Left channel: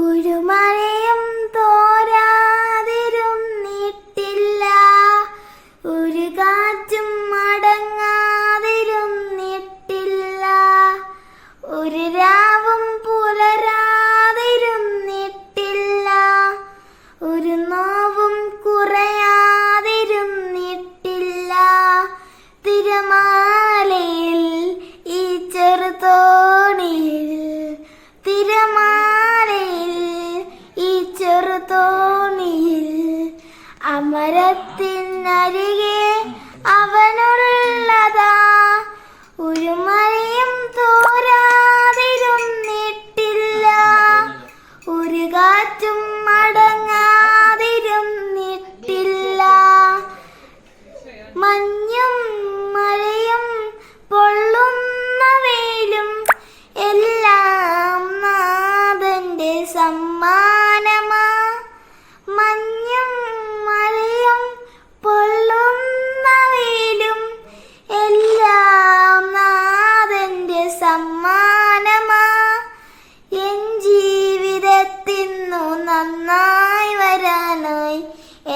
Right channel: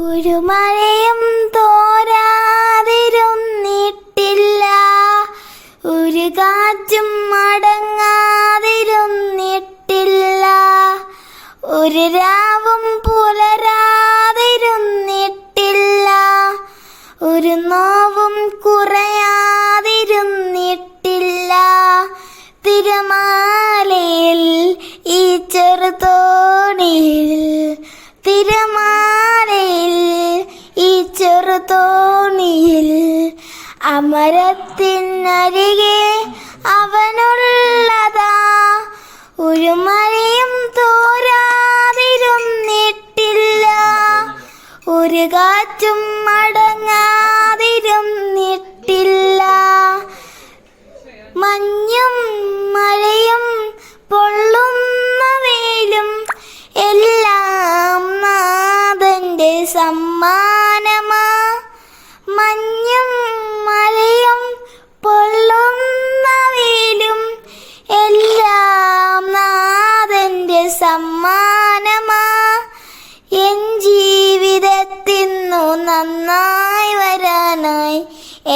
ഒരു മഴയും തോരാതിരുന്നിട്ടില്ല, ഒരു കാറ്റും മടങ്ങാതിരുന്നിട്ടില്ല, ഒരു രാവും പുലരാതിരുന്നിട്ടില്ല, ഒരു നോവും കുറയാതിരുന്നിട്ടില്ല. തിരമാലയിൽ ഈ ചെറുതോണിയിൽ, തിരമാലയിൽ ഈ ചെറുതോണിയിൽ, അമരത്തിനരികെ അവനുള്ളതാ. ഒരു മഴയും തോരാതിരുന്നിട്ടില്ല, ഒരു കാറ്റും മടങ്ങാതിരുന്നിട്ടില്ല. മഞ്ഞും മഴയും പൊള്ളുന്ന വെയിലും എല്ലാം നാഥന്റെ സമ്മാനമാ. മഞ്ഞും മഴയും പൊള്ളുന്ന വെയിലും എല്ലാം നാഥന്റെ സമ്മാനമാ. എൻ ജീവിതത്തിന്നു നന്നായി വരാനായി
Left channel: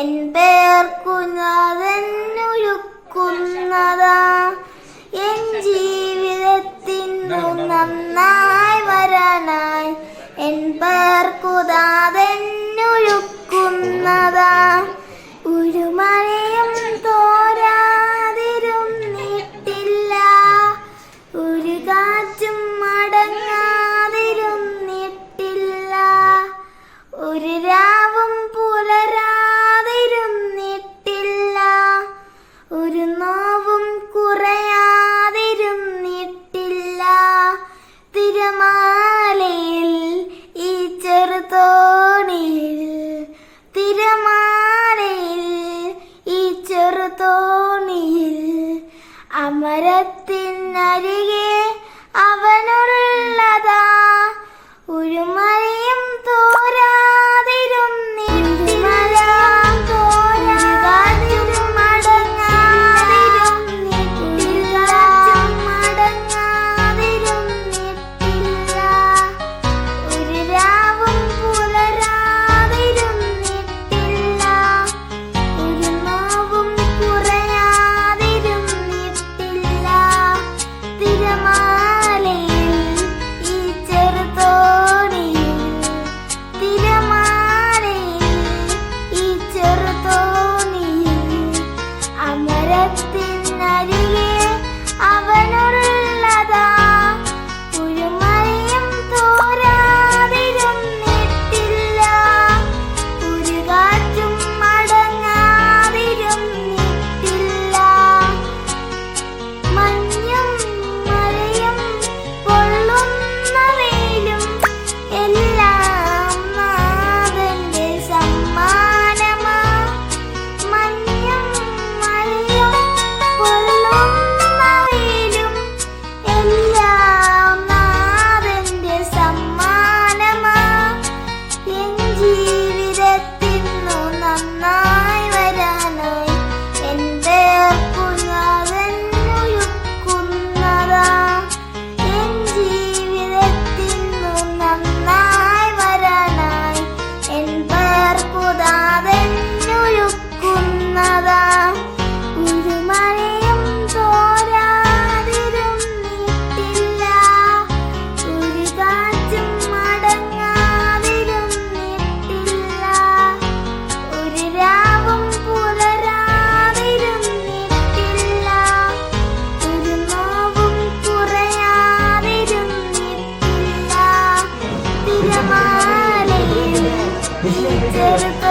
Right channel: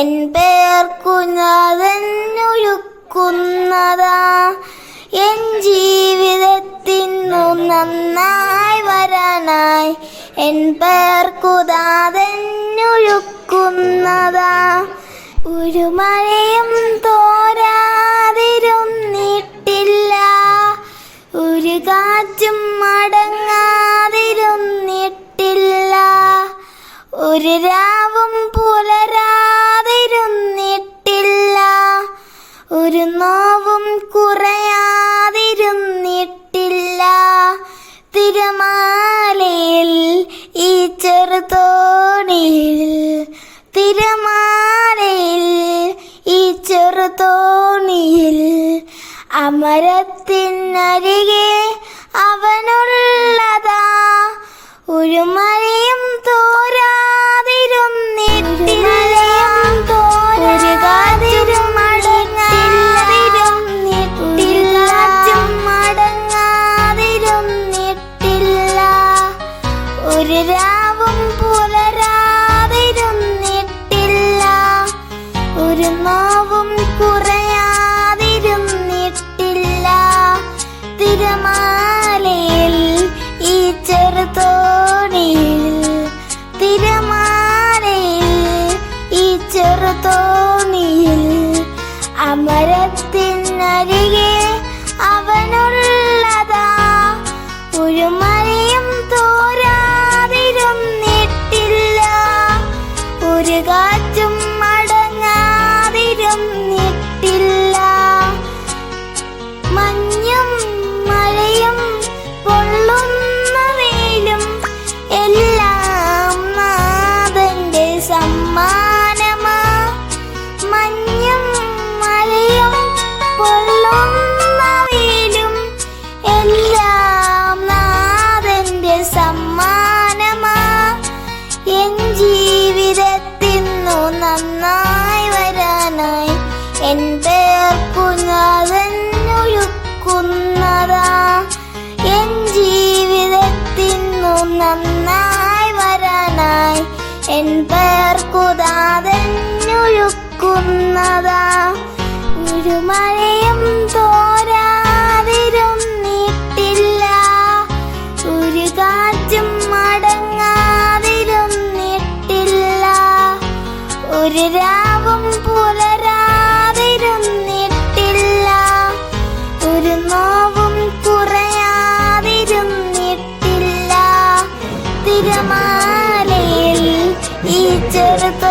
എൻ പേർക്കു നാഥനൊരുക്കുന്നതാ. എൻ ജീവിതത്തിന്നു നന്നായി വരാനായി എൻ പേർക്കു നാഥനൊരുക്കുന്നതാ. ഒരു മഴയും തോരാതിരുന്നിട്ടില്ല, ഒരു കാറ്റും മടങ്ങാതിരുന്നിട്ടില്ല, ഒരു രാവും പുലരാതിരുന്നിട്ടില്ല, ഒരു നോവും കുറയാതിരുന്നിട്ടില്ല. തിരമാലയിൽ ഈ ചെറുതോണിയിൽ, തിരമാലയിൽ ഈ ചെറുതോണിയിൽ, അമരത്തിനരികെ അവനുള്ളതാ. ഒരു മഴയും തോരാതിരുന്നിട്ടില്ല, ഒരു കാറ്റും മടങ്ങാതിരുന്നിട്ടില്ല, മടങ്ങാതിരുന്നിട്ടില്ല, ഒരു രാവും പുലരാതിരുന്നിട്ടില്ല, ഒരു നോവും കുറയാതിരുന്നിട്ടില്ല. തിരമാലയിൽ ഈ ചെറുതോണിയിൽ, തിരമാലയിൽ ഈ ചെറുതോണിയിൽ, അമരത്തിനരികെ അവനുള്ളതാ. ഒരു മഴയും തോരാതിരുന്നിട്ടില്ല, ഒരു കാറ്റും മടങ്ങാതിരുന്നിട്ടില്ല. മഞ്ഞും മഴയും പൊള്ളുന്ന വെയിലും എല്ലാം നാഥന്റെ സമ്മാനമാ. മഞ്ഞും മഴയും പൊള്ളുന്ന വെയിലും എല്ലാം നാഥന്റെ സമ്മാനമാ. എൻ ജീവിതത്തിന്നു നന്നായി വരാനായി എൻ പേർക്കു നാഥനൊരുക്കുന്നതാ. എൻ ജീവിതത്തിന്നു നന്നായി വരാനായി എൻ പേർക്കു നാഥനൊരുക്കുന്നതാ. ഒരു മഴയും തോരാതിരുന്നിട്ടില്ല, ഒരു കാറ്റും മടങ്ങാതിരുന്നിട്ടില്ല, ഒരു രാവും പുലരാതിരുന്നിട്ടില്ല, ഒരു നോവും കുറയാതിരുന്നിട്ടില്ല. തിരമാലയിൽ ഈ ചെറുതോണിയിൽ,